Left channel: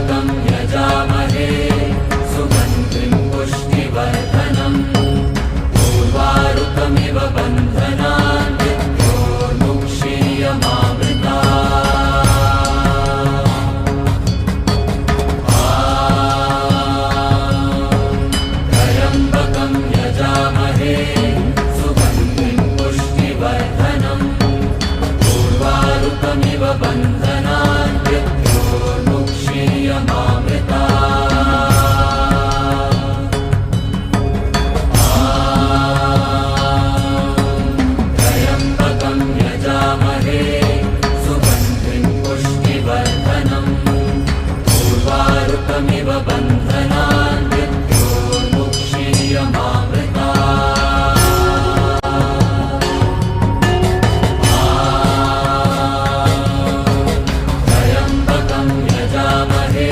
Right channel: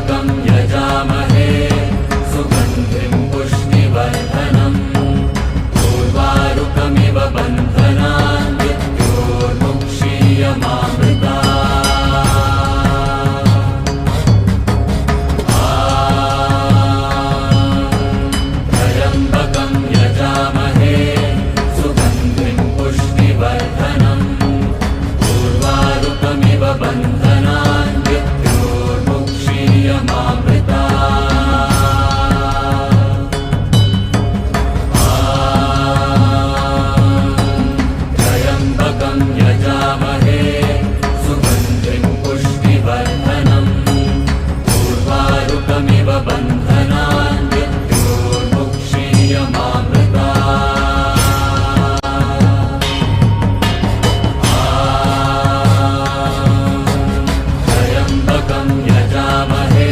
यजामहे सुगन्धिं पुष्टिवर्धनम् उर्वारुकमिव बन्धनान् मृत्योर्मुक्षीयमामृतात् त्र्यम्बकं यजामहे सुगन्धिं पुष्टिवर्धनम् उर्वारुकमिव बन्धनान् मृत्योर्मुक्षीयमामृतात्